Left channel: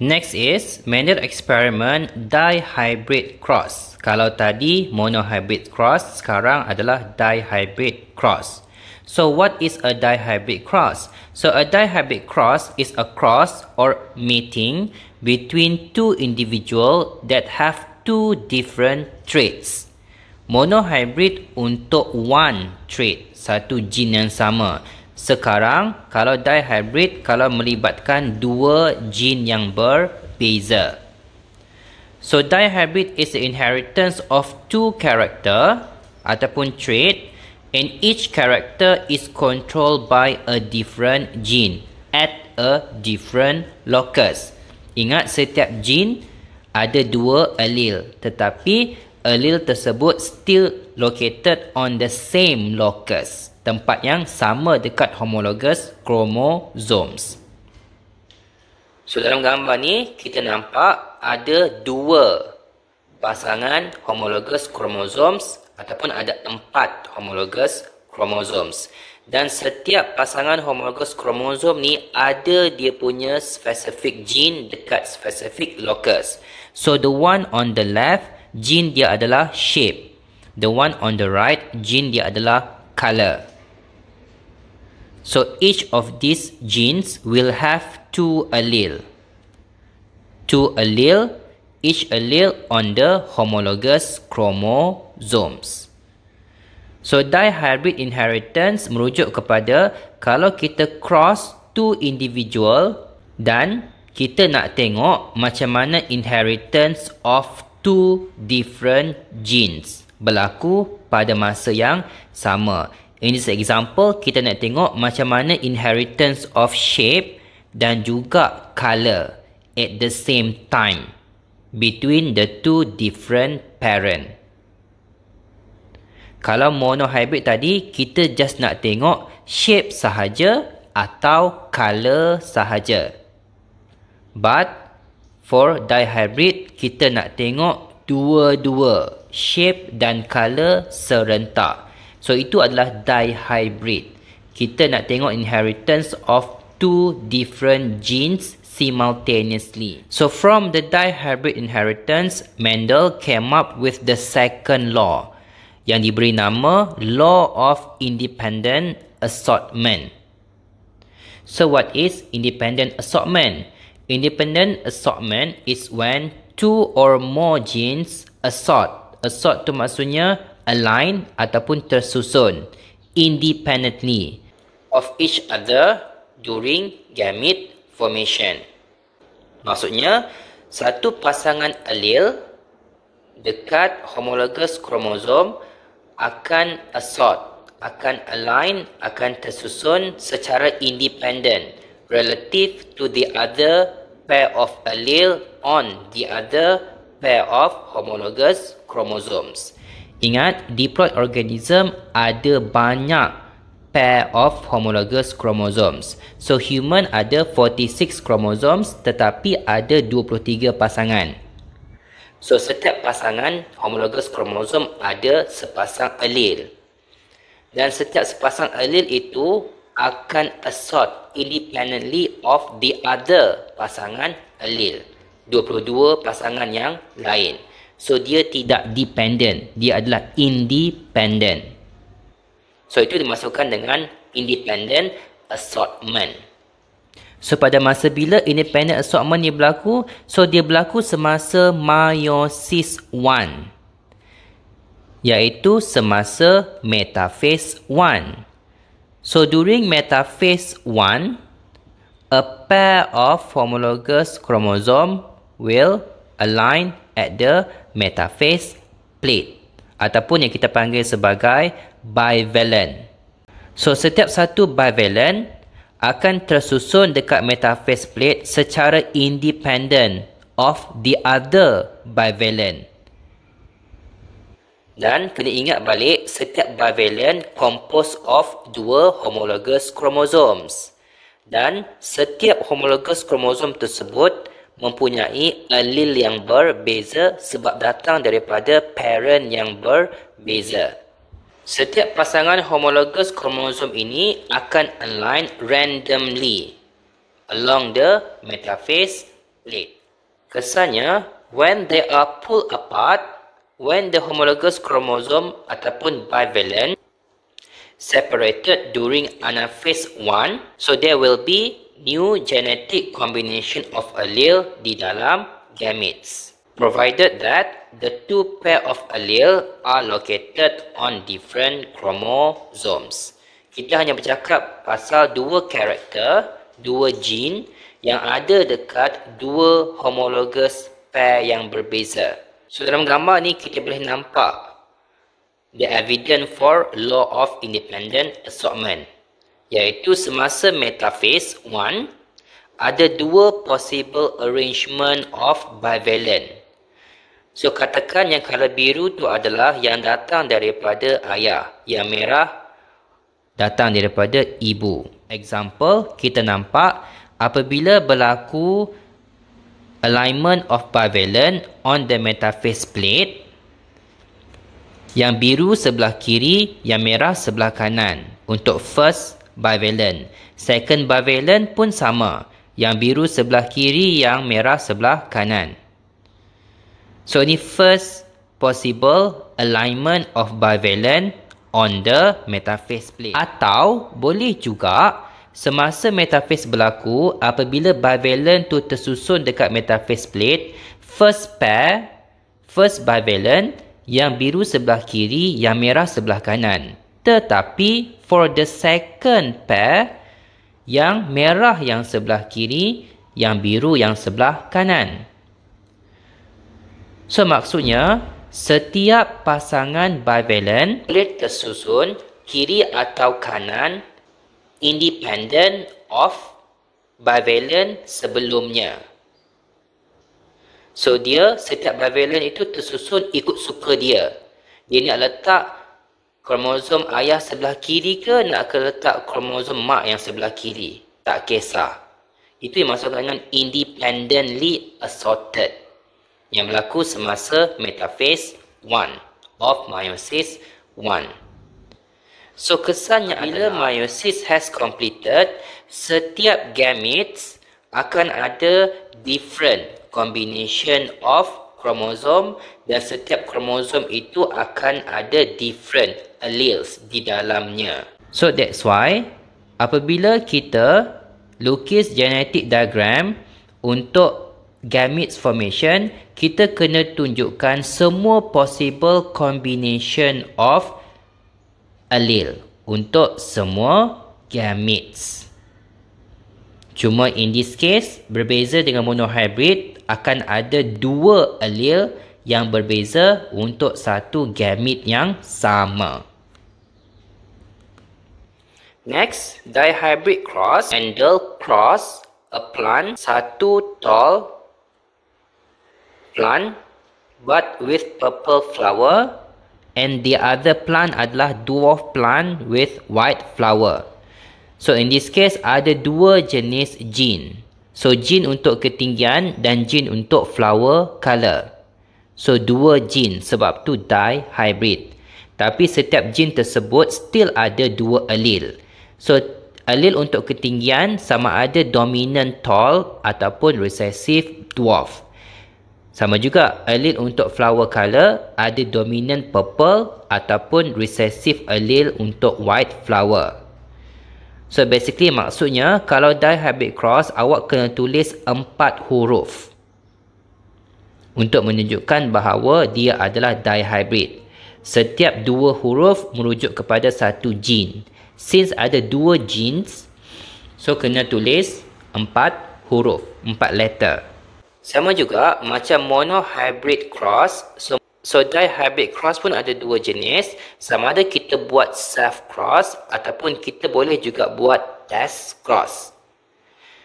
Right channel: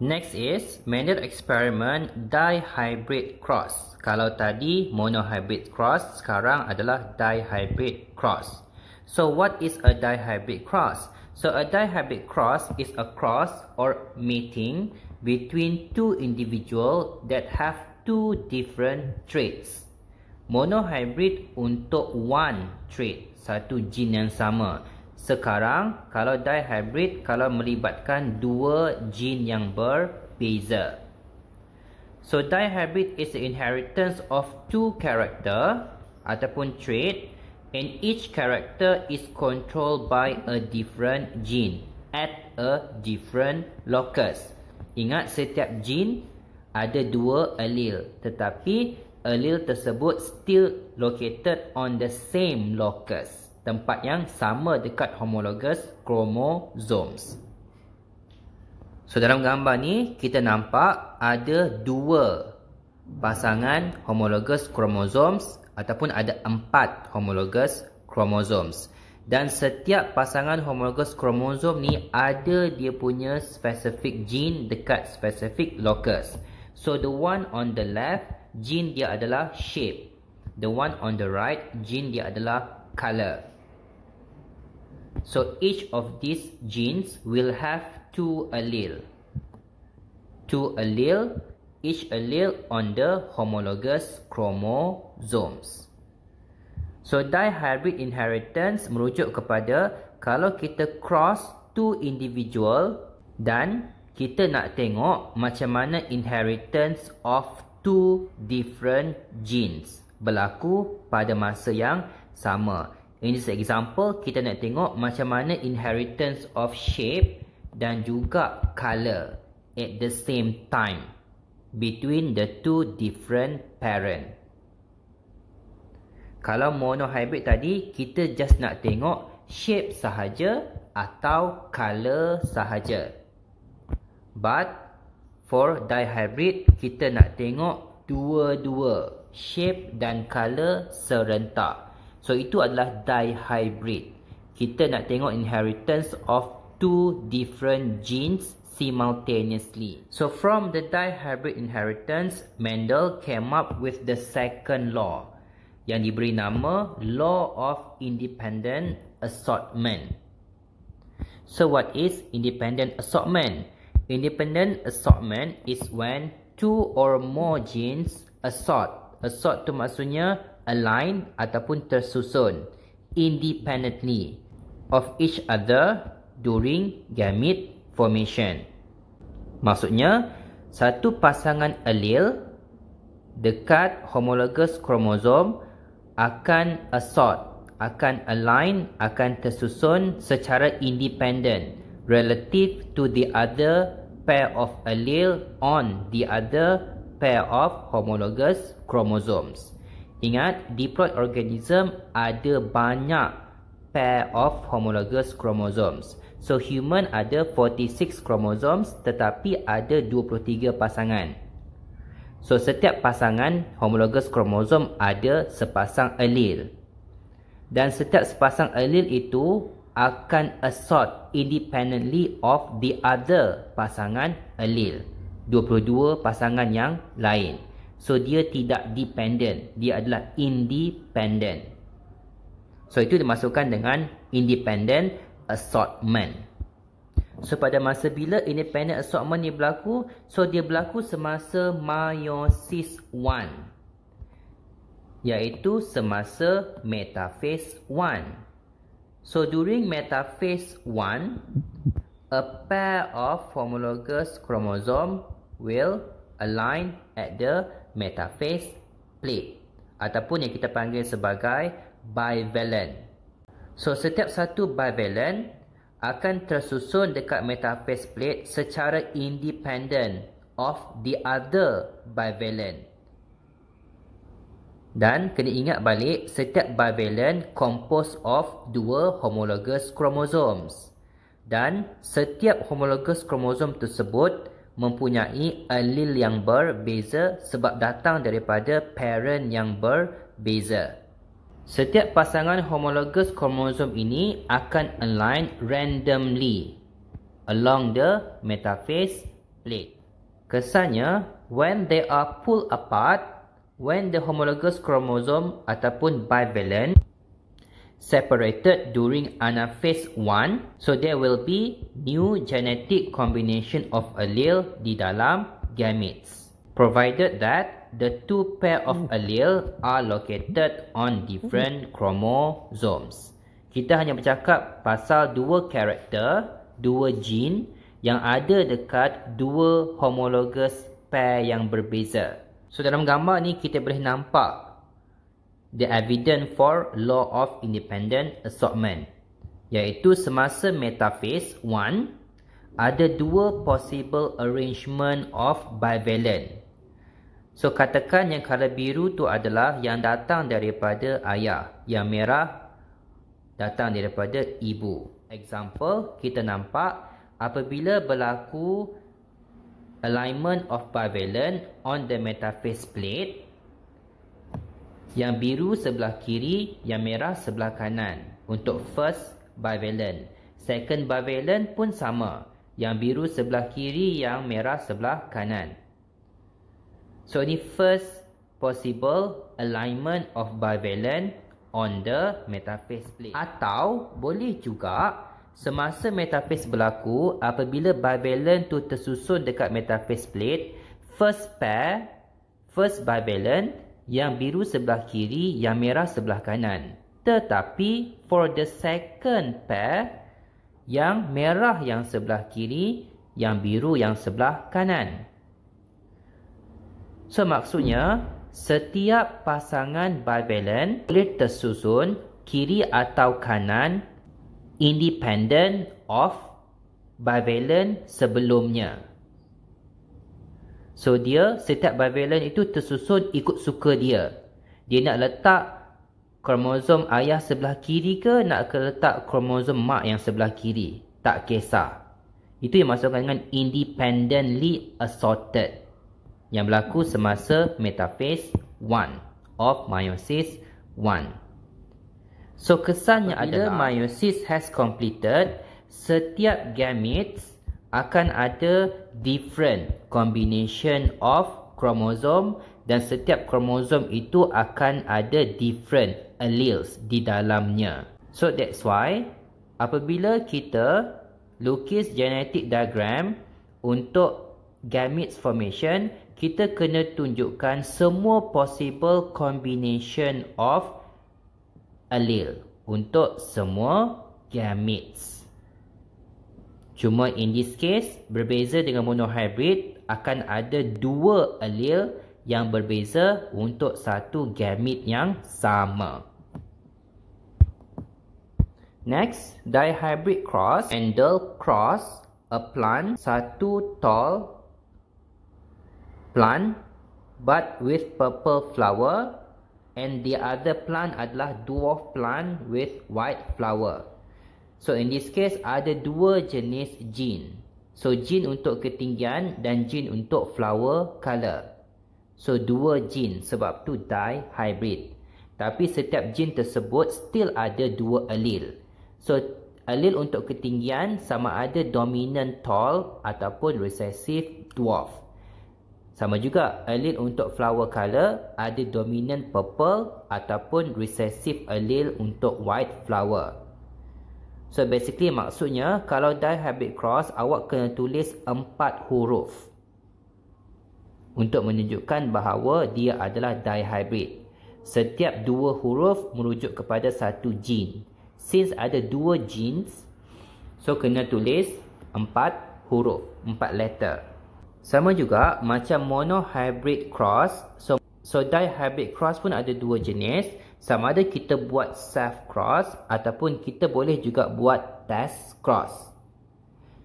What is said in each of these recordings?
Next is Mendel experiment dihybrid cross. Kalau tadi monohybrid cross, sekarang adalah dihybrid cross. So what is a dihybrid cross? So a dihybrid cross is a cross or mating between two individuals that have two different traits. Monohybrid untuk one trait, satu gene yang sama. Sekarang kalau dihybrid, kalau melibatkan dua gene yang berbeza. So dihybrid is the inheritance of two character ataupun trait, and each character is controlled by a different gene at a different locus. Ingat, setiap gene ada dua allele, tetapi allele tersebut still located on the same locus, tempat yang sama dekat homologous chromosomes. So dalam gambar ni kita nampak ada dua pasangan homologous chromosomes ataupun ada 4 homologous chromosomes. Dan setiap pasangan homologous chromosome ni ada dia punya specific gene dekat specific locus. So the one on the left, gene dia adalah shape. The one on the right, gene dia adalah color. So each of these genes will have two allele. Two allele, each allele on the homologous chromosomes. So dihybrid inheritance merujuk kepada kalau kita cross two individual dan kita nak tengok macam mana inheritance of two different genes berlaku pada masa yang sama. In this example, kita nak tengok macam mana inheritance of shape dan juga color at the same time between the two different parent. Kalau monohybrid tadi, kita just nak tengok shape sahaja atau color sahaja. But for dihybrid, kita nak tengok dua-dua, shape dan color serentak. So itu adalah dihybrid. Kita nak tengok inheritance of two different genes simultaneously. So from the dihybrid inheritance, Mendel came up with the second law yang diberi nama Law of Independent Assortment. So what is independent assortment? Independent assortment is when two or more genes assort. Assort tu maksudnya align ataupun tersusun independently of each other during gamete formation. Maksudnya satu pasangan allele dekat homologous chromosome akan assort, akan align, akan tersusun secara independent relative to the other pair of allele on the other pair of homologous chromosomes. Ingat, diploid organism ada banyak pair of homologous chromosomes. So human ada 46 chromosomes tetapi ada 23 pasangan. So setiap pasangan homologous chromosome ada sepasang allele. Dan setiap sepasang allele itu akan assort independently of the other pasangan allele. 22 pasangan yang lain. So dia tidak dependent, dia adalah independent. So itu dimasukkan dengan independent assortment. So pada masa bila independent assortment ni berlaku, so dia berlaku semasa meiosis 1, iaitu semasa metaphase 1. So during metaphase 1, a pair of homologous chromosome will align at the metaphase plate ataupun yang kita panggil sebagai bivalent. So setiap satu bivalent akan tersusun dekat metaphase plate secara independent of the other bivalent. Dan kena ingat balik, setiap bivalent composed of dua homologous chromosomes. Dan setiap homologous chromosome tersebut mempunyai allele yang berbeza sebab datang daripada parent yang berbeza. Setiap pasangan homologous chromosome ini akan align randomly along the metaphase plate. Kesannya, when they are pulled apart, when the homologous chromosome ataupun bivalent separated during anaphase 1, so there will be new genetic combination of allele di dalam gametes, provided that the two pair of allele are located on different chromosomes. Kita hanya bercakap pasal dua karakter, dua gene yang ada dekat dua homologous pair yang berbeza. So dalam gambar ni kita boleh nampak the evidence for law of independent assortment, iaitu semasa metaphase 1 ada dua possible arrangement of bivalent. So katakan yang color biru tu adalah yang datang daripada ayah, yang merah datang daripada ibu. Example, kita nampak apabila berlaku alignment of bivalent on the metaphase plate, yang biru sebelah kiri, yang merah sebelah kanan untuk first bivalent. Second bivalent pun sama, yang biru sebelah kiri, yang merah sebelah kanan. So ini first possible alignment of bivalent on the metaphase plate. Atau boleh juga semasa metaphase berlaku, apabila bivalent tu tersusun dekat metaphase plate, first pair, first bivalent, yang biru sebelah kiri, yang merah sebelah kanan. Tetapi for the second pair, yang merah yang sebelah kiri, yang biru yang sebelah kanan. So maksudnya, setiap pasangan bivalent boleh tersusun kiri atau kanan independent of bivalent sebelumnya. So dia, setiap bivalent itu tersusun ikut suka dia. Dia nak letak kromosom ayah sebelah kiri ke nak letak kromosom mak yang sebelah kiri, tak kisah. Itu yang dimaksudkan dengan independently assorted, yang berlaku semasa metaphase 1 of meiosis 1. So kesannya bila meiosis has completed, setiap gametes akan ada different combination of chromosome, dan setiap kromosom itu akan ada different alleles di dalamnya. So that's why apabila kita lukis genetic diagram untuk gametes formation, kita kena tunjukkan semua possible combination of allele untuk semua gametes. Cuma in this case, berbeza dengan monohybrid, akan ada dua allele yang berbeza untuk satu gamete yang sama. Next, dihybrid cross. Handle cross a plant, satu tall plant but with purple flower, and the other plant adalah dwarf plant with white flower. So in this case ada dua jenis gene. So gene untuk ketinggian dan gene untuk flower color. So dua gene, sebab tu dihybrid. Tapi setiap gene tersebut still ada dua allele. So allele untuk ketinggian sama ada dominant tall ataupun recessive dwarf. Sama juga allele untuk flower color ada dominant purple ataupun recessive allele untuk white flower. So basically maksudnya kalau dihybrid cross, awak kena tulis 4 huruf untuk menunjukkan bahawa dia adalah dihybrid. Setiap 2 huruf merujuk kepada satu gene. Since ada 2 genes, so kena tulis 4 huruf, 4 letter. Sama juga macam monohybrid cross, so dihybrid cross pun ada 2 jenis. Sama ada kita buat self cross ataupun kita boleh juga buat test cross.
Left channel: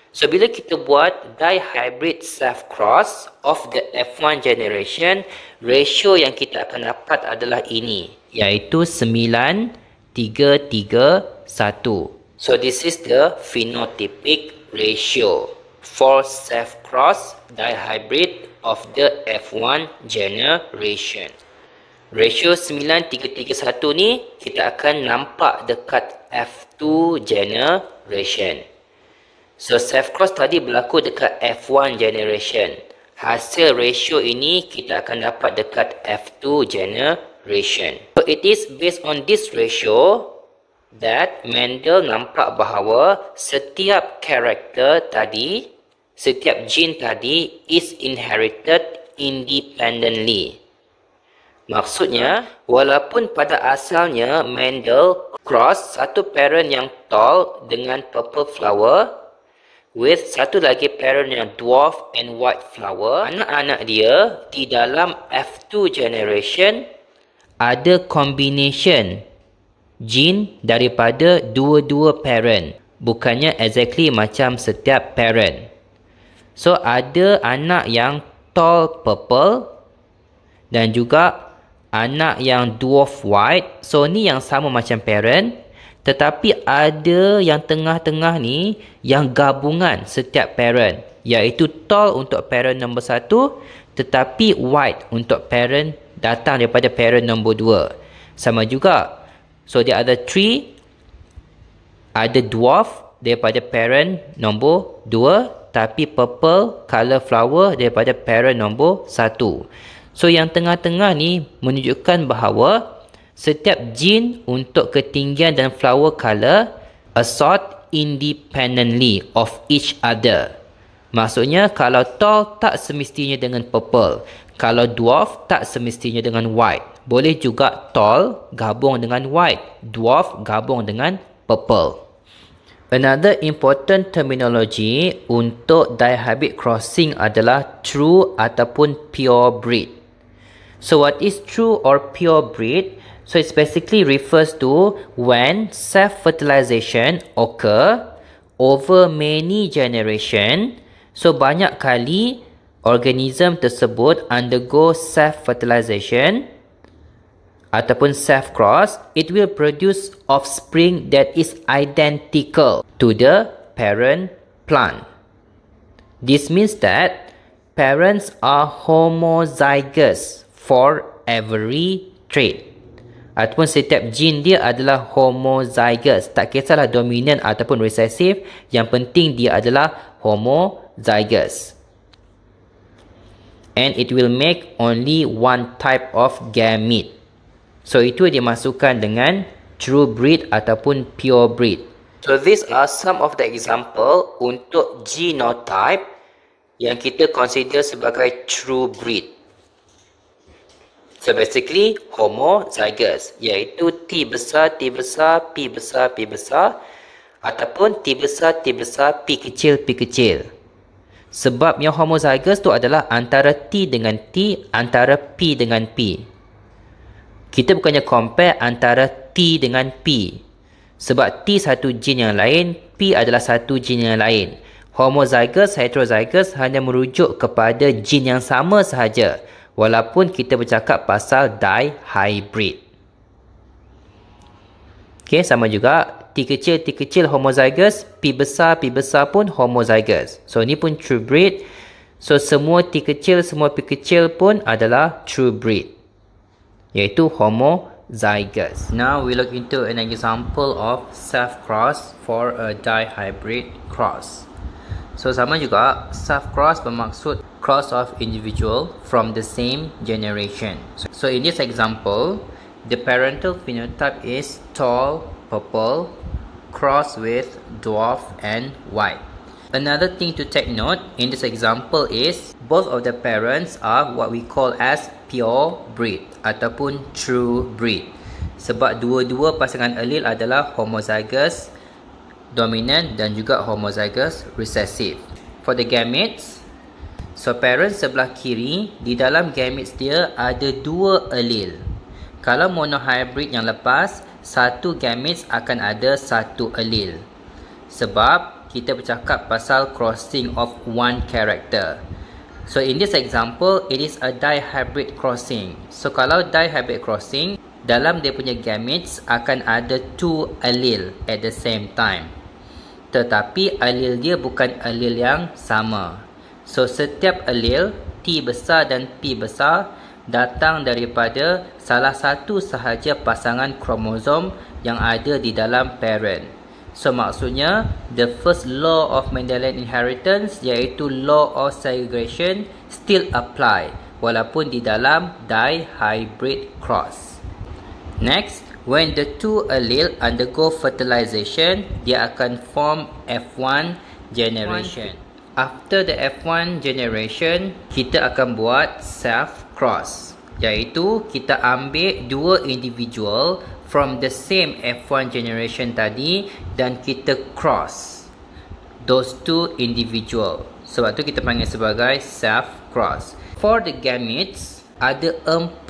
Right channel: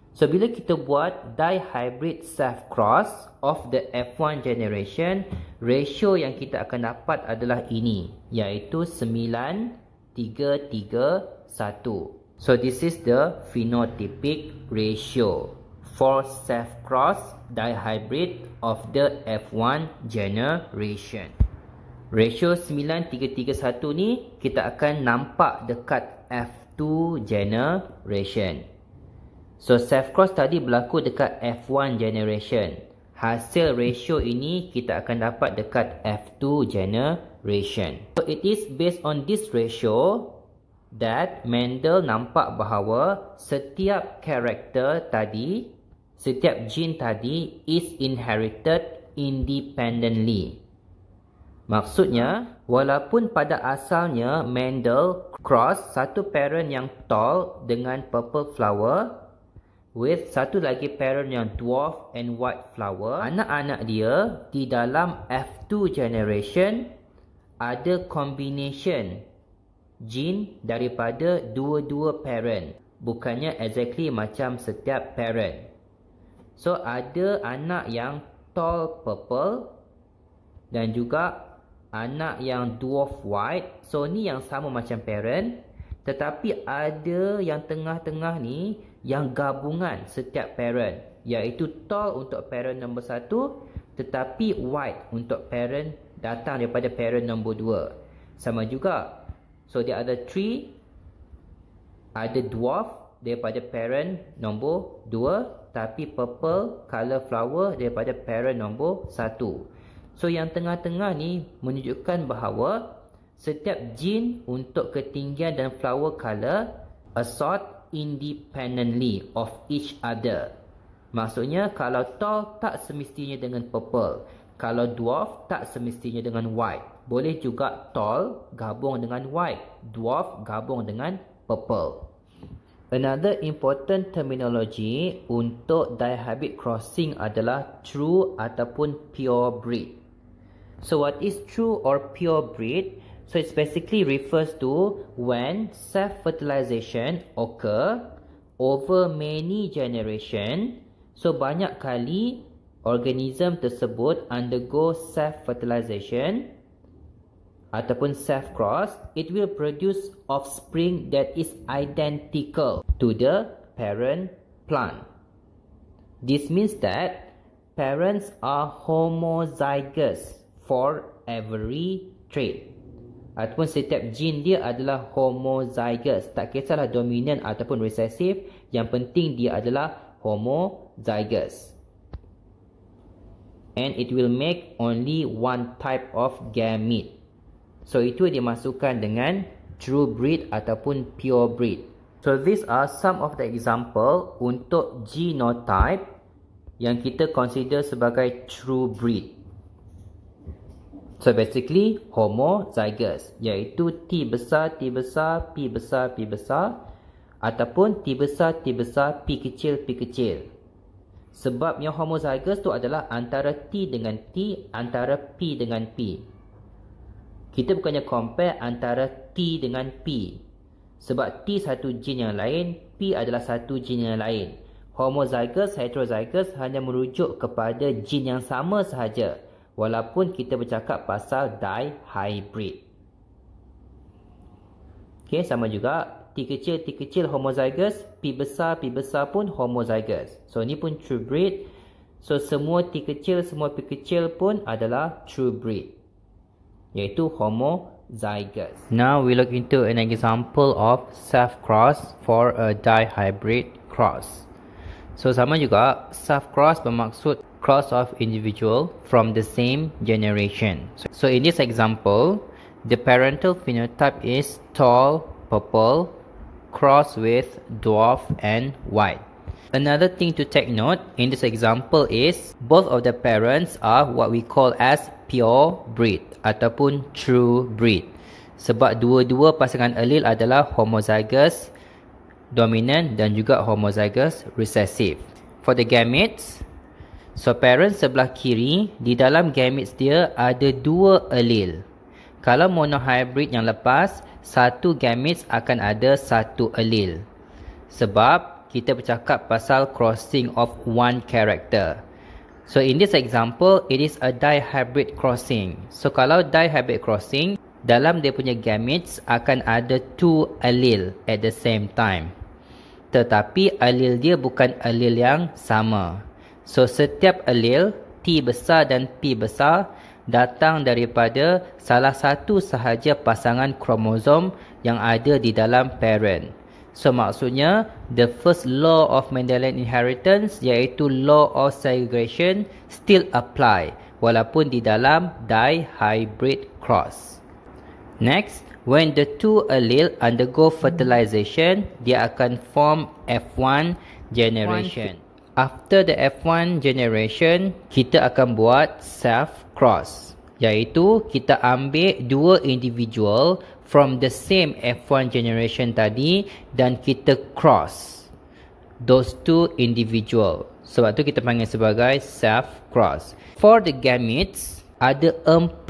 So bila kita buat dihybrid self cross of the F1 generation, ratio yang kita akan dapat adalah ini, iaitu 9:3:1. So this is the phenotypic ratio for self-cross dihybrid of the F1 generation. Ratio 9:3:1 ni kita akan nampak dekat F2 generation. So self cross tadi berlaku dekat F1 generation. Hasil ratio ini kita akan dapat dekat F2 generation. So it is based on this ratio that Mendel nampak bahawa setiap karakter tadi, setiap gene tadi is inherited independently. Maksudnya, walaupun pada asalnya Mendel cross satu parent yang tall dengan purple flower with satu lagi parent yang dwarf and white flower, anak-anak dia di dalam F2 generation ada combination gene daripada dua-dua parent. Bukannya exactly macam setiap parent. So ada anak yang tall purple dan juga anak yang dwarf white. So ni yang sama macam parent, tetapi ada yang tengah-tengah ni yang gabungan setiap parent, iaitu tall untuk parent nombor 1 tetapi white untuk parent datang daripada parent nombor 2. Sama juga. So dia ada 3, ada dwarf daripada parent nombor 2 tapi purple color flower daripada parent nombor 1. So yang tengah-tengah ni menunjukkan bahawa setiap gene untuk ketinggian dan flower color assort independently of each other. Maksudnya kalau tall tak semestinya dengan purple, kalau dwarf tak semestinya dengan white. Boleh juga tall gabung dengan white, dwarf gabung dengan purple. Another important terminology untuk dihybrid crossing adalah true ataupun pure breed. So what is true or pure breed? So it basically refers to when self-fertilization occur over many generation. So banyak kali organism tersebut undergo self-fertilization ataupun self-cross, it will produce offspring that is identical to the parent plant. This means that parents are homozygous for every trait. Ataupun setiap gene dia adalah homozygous. Tak kisahlah dominant ataupun recessive, yang penting dia adalah homozygous. And it will make only one type of gamete. So itu dimasukkan dengan true breed ataupun pure breed. So these are some of the example untuk genotype yang kita consider sebagai true breed. So basically homozygous, iaitu T besar, T besar, P besar, P besar, ataupun T besar, T besar, P kecil, P kecil. Sebab yang homozygous tu adalah antara T dengan T, antara P dengan P. Kita bukannya compare antara T dengan P. Sebab T satu gene yang lain, P adalah satu gene yang lain. Homozygous, heterozygous hanya merujuk kepada gene yang sama sahaja. Walaupun kita bercakap pasal dihybrid. Okay, sama juga T kecil homozygous, P besar pun homozygous. So ni pun true breed. So semua T kecil, semua P kecil pun adalah true breed, iaitu homozygous. Now we look into an example of self-cross for a dihybrid cross. So sama juga, self-cross bermaksud cross of individual from the same generation. So in this example, the parental phenotype is tall, purple, cross with dwarf and white. Another thing to take note in this example is both of the parents are what we call as pure breed ataupun true breed. Sebab dua-dua pasangan allele adalah homozygous dominant dan juga homozygous recessive. For the gametes, so parents sebelah kiri, di dalam gametes dia ada dua allele. Kalau monohybrid yang lepas, satu gametes akan ada satu allele. Sebab kita bercakap pasal crossing of one character. So in this example, it is a dihybrid crossing. So kalau dihybrid crossing, dalam dia punya gametes akan ada two allele at the same time. Tetapi allele dia bukan allele yang sama. So setiap allele T besar dan P besar datang daripada salah satu sahaja pasangan kromosom yang ada di dalam parent. So maksudnya the first law of Mendelian inheritance iaitu law of segregation still apply walaupun di dalam dihybrid cross. Next, when the two allele undergo fertilization, dia akan form F1 generation. After the F1 generation, kita akan buat self cross, iaitu kita ambil dua individual from the same F1 generation tadi dan kita cross those two individual. Sebab tu kita panggil sebagai self cross. For the gametes, ada 4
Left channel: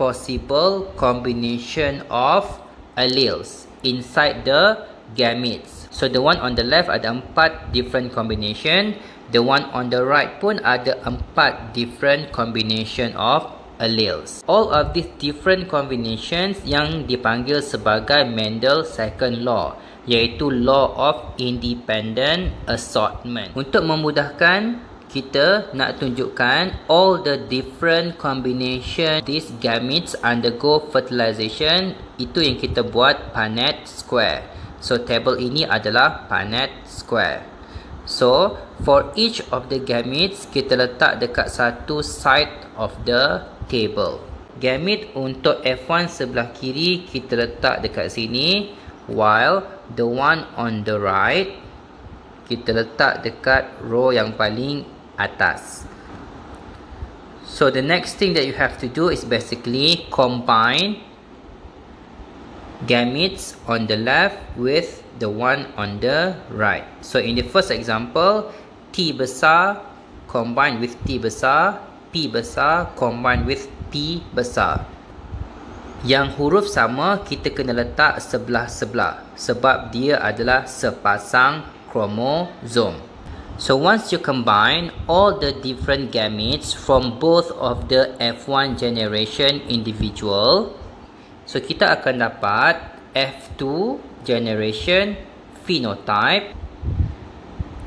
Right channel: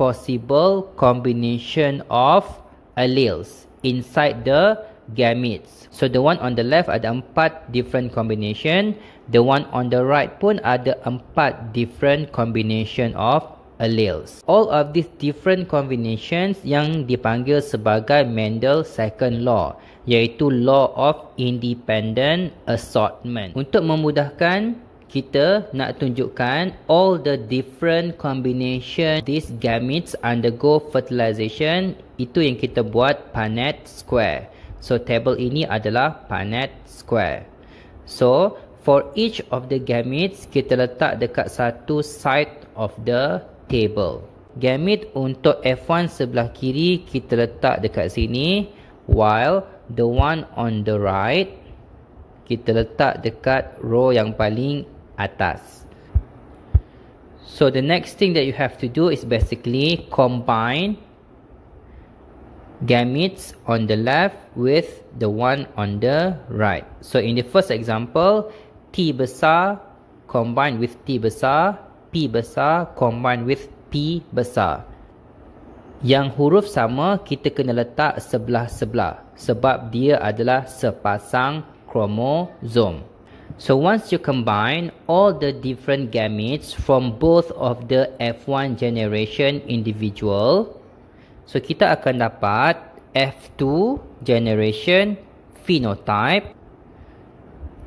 possible combination of alleles inside the gametes. So the one on the left ada 4 different combination. The one on the right pun ada 4 different combination of alleles. All of these different combinations yang dipanggil sebagai Mendel second law, iaitu law of independent assortment. Untuk memudahkan, kita nak tunjukkan all the different combination these gametes undergo fertilization. Itu yang kita buat Punnett square. So table ini adalah Punnett square. So for each of the gametes, kita letak dekat satu side of the table. Gamete untuk F1 sebelah kiri kita letak dekat sini, while the one on the right kita letak dekat row yang paling atas. So the next thing that you have to do is basically combine gametes on the left with the one on the right. So in the first example, T besar combine with T besar, P besar combine with P besar. Yang huruf sama kita kena letak sebelah-sebelah sebab dia adalah sepasang kromosom. So once you combine all the different gametes from both of the F1 generation individual, so kita akan dapat F2 generation phenotype.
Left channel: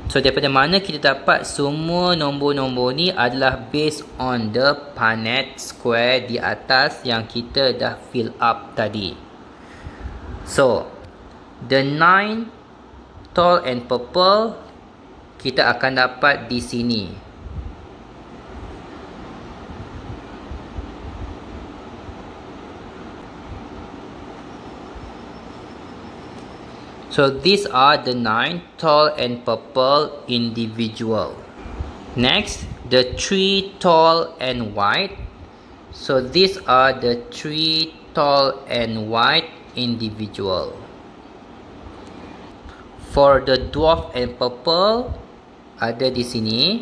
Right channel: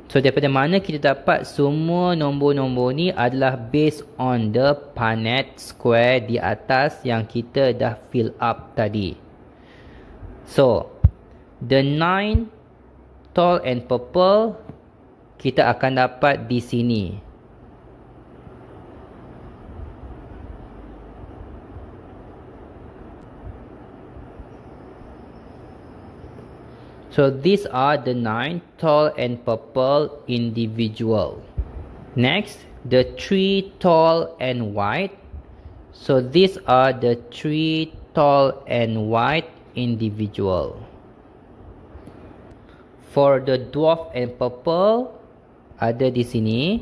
So daripada mana kita dapat semua nombor-nombor ni adalah based on the Punnett square di atas yang kita dah fill up tadi. So the 9 tall and purple kita akan dapat di sini. So these are the 9 tall and purple individual. Next, the 3 tall and white. So these are the 3 tall and white individual. For the dwarf and purple, ada di sini.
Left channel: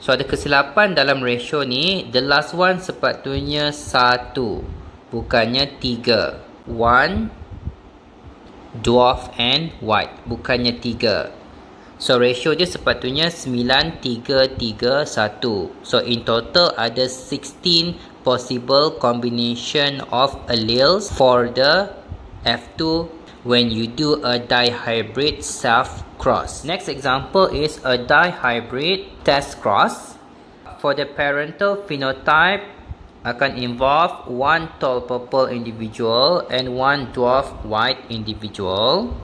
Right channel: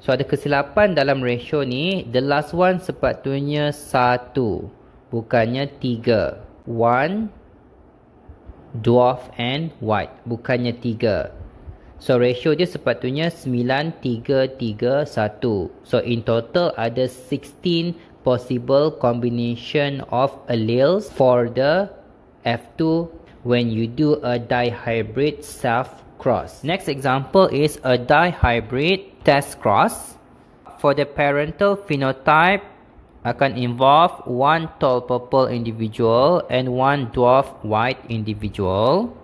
So ada kesilapan dalam ratio ni. The last one sepatutnya 1, bukannya 3. 1 dwarf and white, bukannya 3. So ratio dia sepatutnya 9, 3, 3, 1. So in total ada 16 possible combination of alleles for the F2 when you do a dihybrid self cross. Next example is a dihybrid test cross. For the parental phenotype akan involve 1 tall purple individual and 1 dwarf white individual.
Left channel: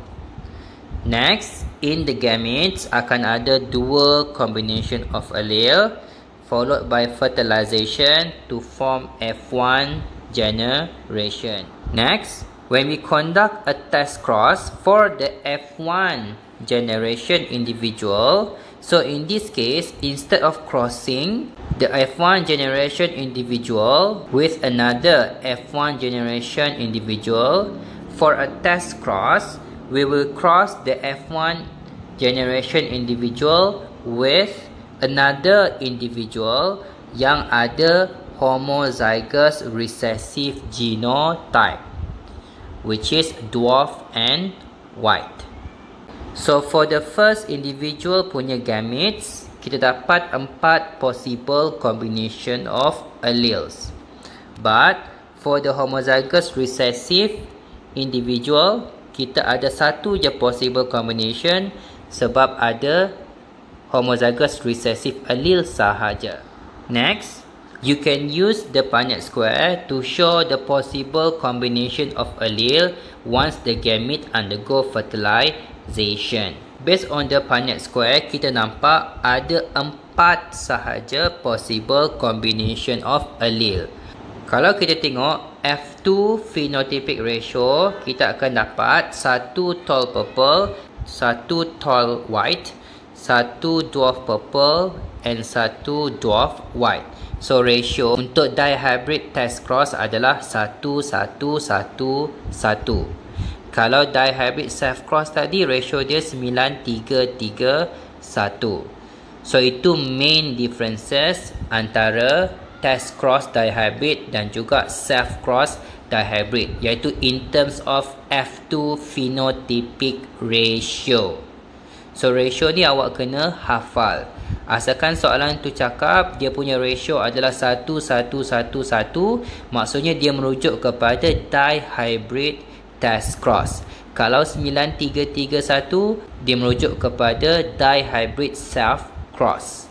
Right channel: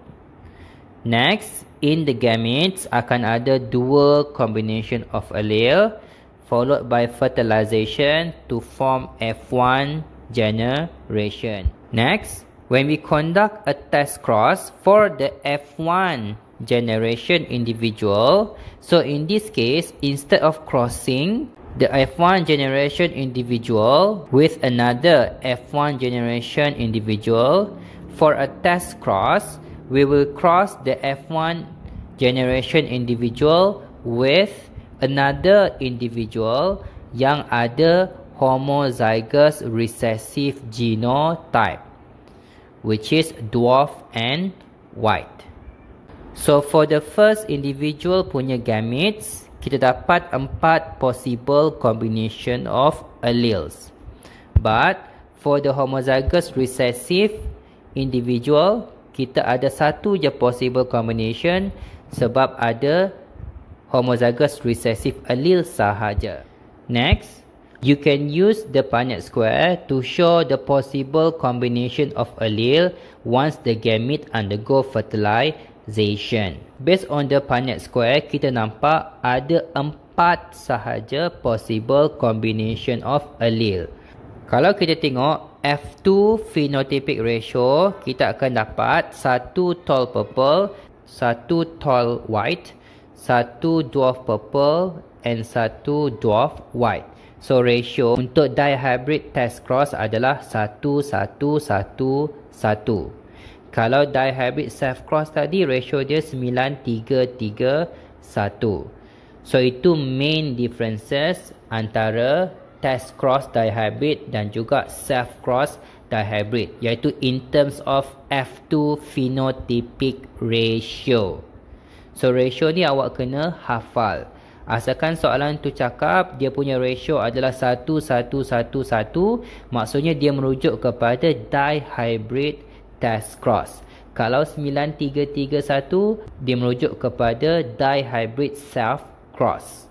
Next, in the gametes akan ada 2 combination of allele followed by fertilization to form F1 generation. Next, when we conduct a test cross for the F1 generation individual, so in this case, instead of crossing the F1 generation individual with another F1 generation individual, for a test cross, we will cross the F1 generation individual with another individual yang ada homozygous recessive genotype, which is dwarf and white. So for the first individual punya gametes, kita dapat 4 possible combination of alleles. But for the homozygous recessive individual, kita ada 1 je possible combination sebab ada homozygous recessive allele sahaja. Next, you can use the Punnett square to show the possible combination of allele once the gamete undergo fertilization. Based on the Punnett square, kita nampak ada 4 sahaja possible combination of allele. Kalau kita tengok F2 phenotypic ratio, kita akan dapat 1 tall purple, 1 tall white, 1 dwarf purple and 1 dwarf white. So ratio untuk dihybrid test cross adalah 1, 1, 1, 1. Kalau dihybrid self cross tadi ratio dia 9, 3, 3, 1. So itu main differences antara test cross dihybrid dan juga self cross dihybrid, iaitu in terms of F2 phenotypic ratio. So ratio ni awak kena hafal. Asalkan soalan tu cakap dia punya ratio adalah 1, 1, 1, 1, maksudnya dia merujuk kepada dihybrid test cross. Kalau 9, 3, 3, 1, dia merujuk kepada dihybrid self cross.